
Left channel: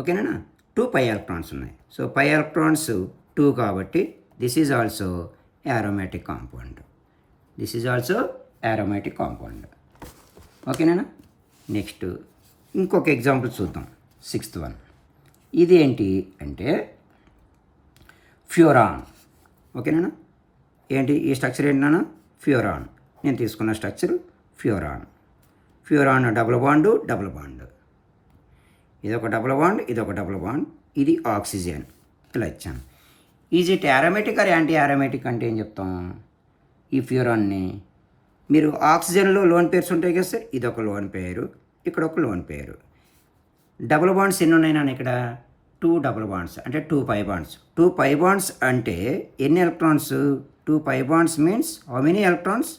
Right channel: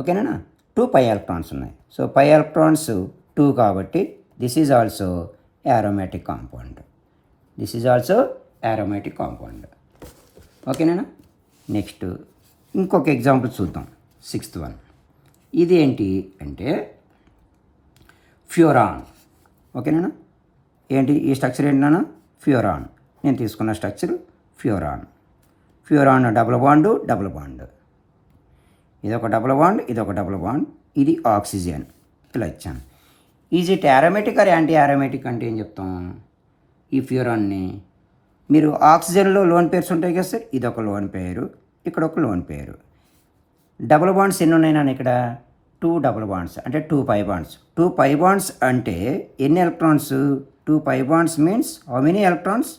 ఓకేనా. 2 పై ఎలక్ట్రాన్స్ ఉన్నాయి. సో పై ఎలక్ట్రాన్స్ 2 కాబట్టి this is also aromatic compound. ఓకేనా. నెక్స్ట్ ఇంకొక ఎగ్జాంపుల్ చూద్దాం. 6th one. ఇది ఏంటి అంటే ఫ్యూరాన్. ఓకేనా. ఏంటి ఈ స్ట్రక్చర్ ఏంటన్నా? ఫ్యూరాన్. నేను తీసుకున్న స్ట్రక్చర్ ఫ్యూరాన్. Double bond. ఇదొక డబుల్ బాండ్, ఇది ఆక్సిజన్. ఇలా ఇచ్చాను. Is it aromatic or anti aromatic అంటే ఏం చెప్తాం? ఈ ఫ్యూరాన్ని మీరు ఆక్సిజన్లో లోన్ పేర్స్ ఉంటాయి కదా సార్, ఇదొక లోన్ పేరు, ఇక్కడ ఒక లోన్ పేరు. డబుల్ బాండ్స్ ఎన్ని ఉన్నాయి నాన్న? ఇక్కడ 2 డబుల్ బాండ్స్ అంటే 2 పై బాండ్స్. 2 పై బాండ్స్ అంటే ఎన్ని electrons? 2 pi bonds means how many electrons?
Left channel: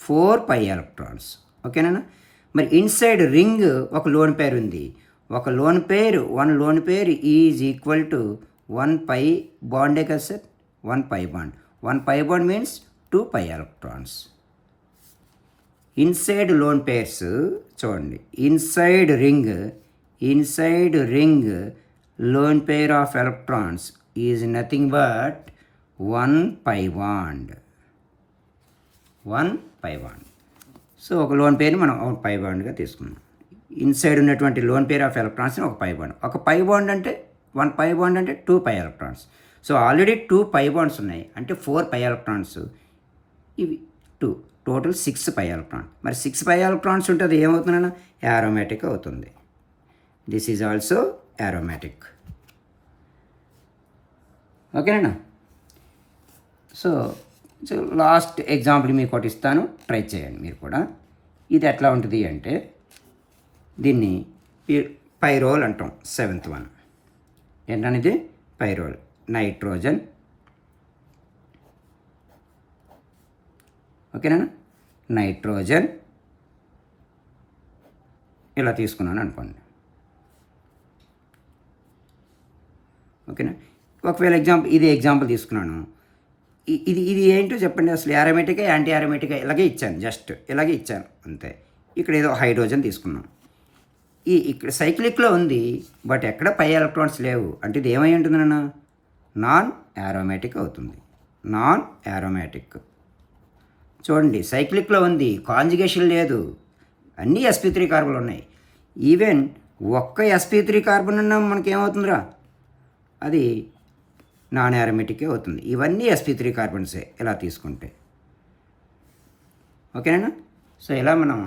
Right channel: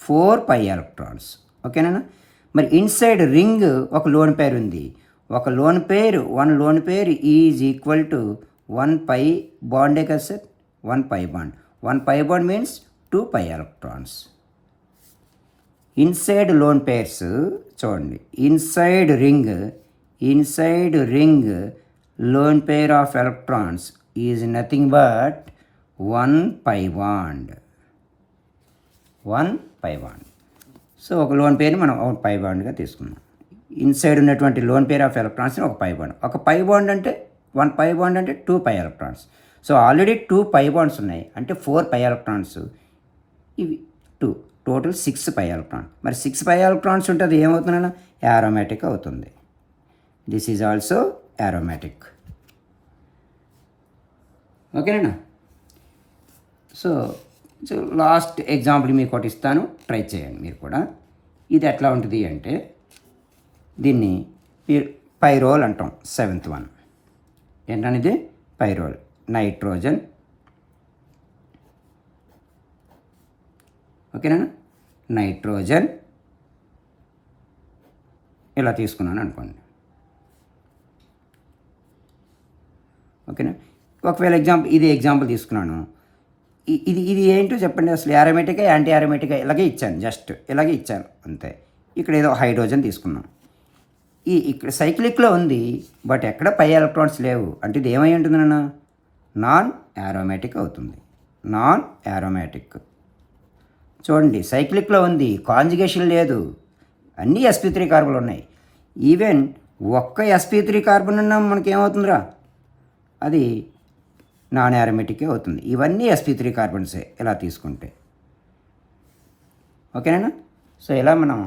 4 pi electrons. ఓకేనా. మరి ఇన్సైడ్ రింగ్ ఒక లోన్ పేర్ ఉంది. ఒక lone pair is equal to 1 pi బాండే కదా sir. 1 pi bond. 1 pi bond means 2 pi electrons. Inside lone pairs చూడండి. Inside ring lone pair of electrons is nothing but 1 pi bond. So ఒక lone పేరుని మనం ఒక పై బాండ్గా తీసుకున్నాం. ఇన్సైడ్ ఉన్నటువంటి loan pair of ఎలక్ట్రాన్స్ని ఒక పై బాండ్. ఒక పై బాండ్ అంటే 1 పై బాండ్ అంటే 2 pi electrons. So already 2 pi bonds ఉన్నాయి అంటే 4 పై ఎలక్ట్రాన్స్, ఇవి 2, టోటల్ 6 పై ఎలక్ట్రాన్. మరి 6 పై ఎలక్ట్రాన్స్ ఉంటుంది ఏమవుతుందన్నా? aromatic అవుతుంది. This is also aromatic. ఓకేనా. సో లాస్ట్ ఎగ్జాంపుల్ మీకు ఒకటి ఇస్తాను, ట్రై చేయండి మీరు కూడా. ఇది ఎట్లా ఉంటుంది అంటే దీన్ని పైరోల్ అంటాం. 7th వన్ ఏంటనేది పైరోల్. నైట్రోజన్. ఓకేనా. నైట్రోజన్ ఇలా తీసుకున్నాను అనుకోండి. ఓకేనా. ఒకవేళ ఎగ్జాంపుల్ తీసుకున్నాను. ఇది ఏంటో చెప్పండి అసలు. aromatic యాంటీ aromatic ఇలాగే ఇచ్చాను, జస్ట్ ఇలాగే ఇచ్చాను అంతే. ఇక్కడ ఏదో హైడ్రోజన్ తీసుకున్నాం. ఇక్కడ సైక్లిక్లో ఉంది బట్ ఎక్కడ పై ఎలక్ట్రాన్స్ లేవు అంటే ఇది ఏమై ఉంటుంది నాన్న? నాన్ aromatic అవుతుంది. చూడండి సైక్లిక్లో ఉంది, కాంజుగేషన్ లేదు, అన్నీ sp3 కార్బన్లు ఉన్నాయి. ఈవెన్ ఒక్క sp3 కార్బన్ ఉన్నా మనకి ఏమవుతుందిరా? అది నాన్ aromatic అవుతుంది. ఇవన్నీ sp3 కార్బన్సే ఇలా తీసుకుంటే. ఓకేనా. సో ఇలా మనం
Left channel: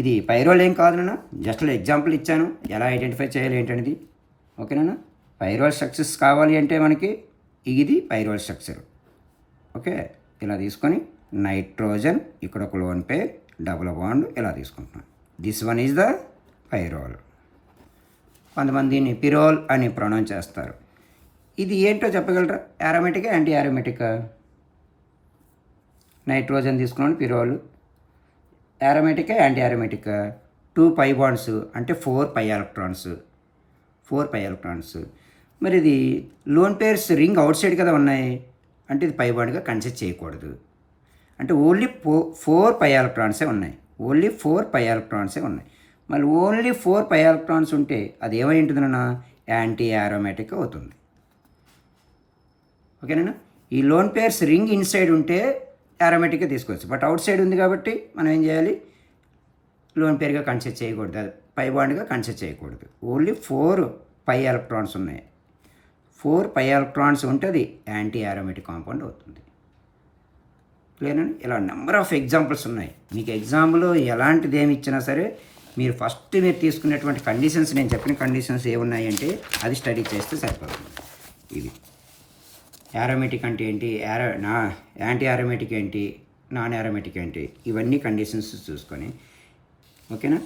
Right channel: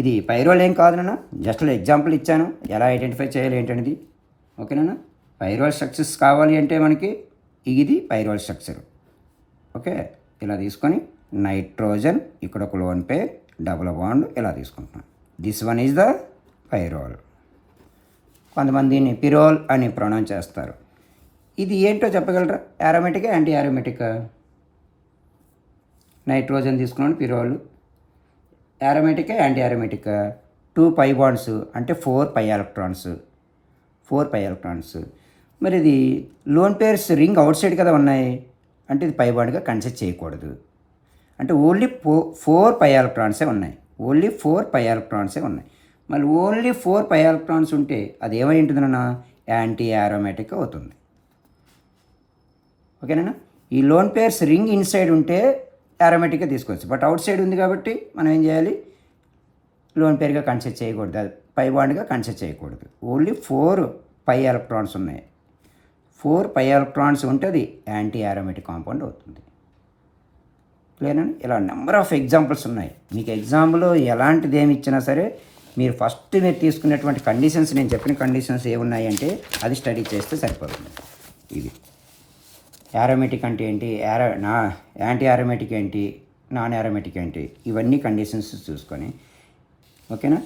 ఇది పైరోల్ ఏం కాదు నాన్న, జస్ట్ ఎగ్జాంపుల్ ఇచ్చాను ఎలా ఐడెంటిఫై చేయాలి ఏంటనేది. ఓకేనా. పైరోల్ స్ట్రక్చర్స్ కావాలి అంటే మనకి ఇది పైరోల్ స్ట్రక్చర్. ఓకే, ఇలా తీసుకొని నైట్రోజన్, ఇక్కడ ఒక లోన్ పేర్, డబుల్ బాండ్ ఇలా తీసుకుంటున్నాం. This one is the pyrrole. కొంతమంది దీన్ని పిరోల్ అని ప్రొనౌన్స్ చేస్తారు. ఇది ఏంటో చెప్పగలరా? యారోమేటికా, యాంటీ యారోమేటికా? నైట్రోజన్ తీసుకున్నాను పిరోల్. యారోమేటికా, యాంటీ యారోమేటికా? 2 పై బాండ్స్ అంటే 4 పై ఎలక్ట్రాన్స్. 4 pi electrons. మరి ఇది lone pairs ring outside కదా ఉన్నాయి, అంటే ఇది పై బాండ్గా కన్సిడర్ చేయకూడదు. అంటే ఓన్లీ 4 పై ఎలక్ట్రాన్సే ఉన్నాయి. ఓన్లీ 4 పై ఎలక్ట్రాన్సే ఉన్నాయి. మళ్ళీ ఓన్లీ 4 పై ఎలక్ట్రాన్స్ ఉంటే అది ఏమై ఉంటుందన్నా? యాంటీ యారోమేటిక్ అవుతుంది. ఓకేనా? ఈ లోన్ పేర్స్ రింగ్ ఇన్సైడ్ ఉంటే యారోమేటిక్గా తీసుకోవచ్చు. బట్ అవుట్ సైడ్ ఉంది కాబట్టి మనం ఏం చేయాలి? లోన్ పేర్గా కన్సిడర్ చేయకూడదు, అది పై బాండ్గా కన్సిడర్ చేయకూడదు. ఓన్లీ 4 పై ఎలక్ట్రాన్స్ ఉన్నాయి. 4 పై ఎలక్ట్రాన్స్ ఉంటే అది యాంటీ యారోమేటిక్ కాంపౌండ్ అవుతుంది. క్లియర్నా? ఇలా నెంబర్ ఆఫ్ ఎగ్జాంపుల్స్ ఉన్నాయి. మీకు ఎగ్జాంపుల్ ఎలాంటిది ఏమి ఇచ్చినా సరే మీరు ఫస్ట్ మీరు తీసుకునేటువంటి కండిషన్స్, నేను చెప్పిన కండిషన్స్ ఏమున్నాయి అంటే అది స్టడీ చేస్తే సరిపోతుంది. ఇది యారోమేటిక్ అంటే ఏంటి, యాంటీ యారోమేటిక్ ఏంటి, నాన్ యారోమేటిక్ ఏంటి, ఇవన్నీ కండిషన్స్ చూసుకొని. ఓకేనా?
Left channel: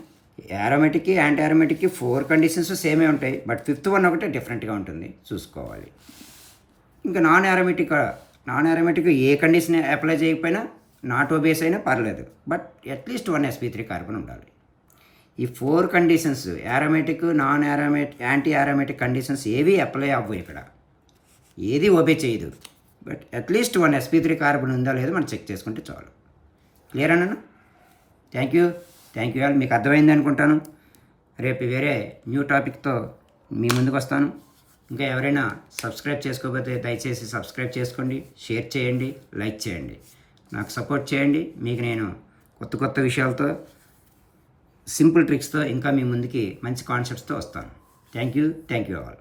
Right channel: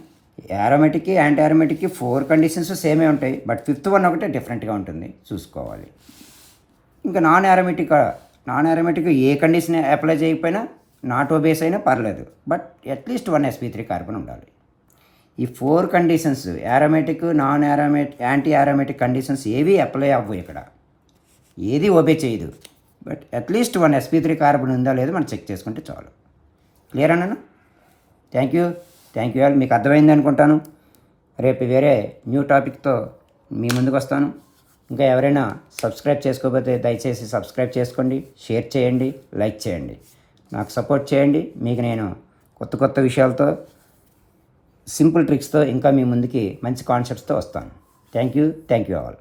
యారోమేటిక్కి యాంటీ యారోమేటిక్కి 4 కండిషన్స్ సేమే ఉంటాయి, బట్ 5th వన్ ఒకటే డిఫరెంట్గా ఉంటుంది, చూసుకోవాలి. ఇంకా నాన్ యారోమేటిక్ ఏ కండిషన్ అప్లై చేయకపోయినా, నాటో బేస్ అయినా పర్లేదు, బట్ అట్లీస్ట్ 1 sp3 కార్బన్ ఉండాలి. ఈ 4 conditions aromatic, non aromatic, anti aromatic conditions ఏవి అప్లై అవ్వవు, ఇక్కడ ఏది ఒబే చేయదు. బట్ అట్లీస్ట్ 1 sp3 కార్బన్ ఉందా లేదో మనం చెక్ చేసుకుంటే చాలు. క్లియర్ అన్న? Thank you all. మీకు అర్థమైంది అనుకుంటాను. రేపు వేరే న్యూ టాపిక్తో మీ ముందుకు వస్తాను. ఇంకా ఎవరైనా సబ్స్క్రైబ్ చేసుకోకపోతే దయచేసి సబ్స్క్రైబ్ చేసుకోండి, షేర్ చేయండి, లైక్ చేయండి, నాకు సపోర్ట్ చేయండి. మీకు నేను కొత్త విషయాలతో, సింపుల్ ట్రిక్స్తో ఇంకా మీ ముందుకి మంచి కాన్సెప్ట్స్తో వస్తాను. Thank you all.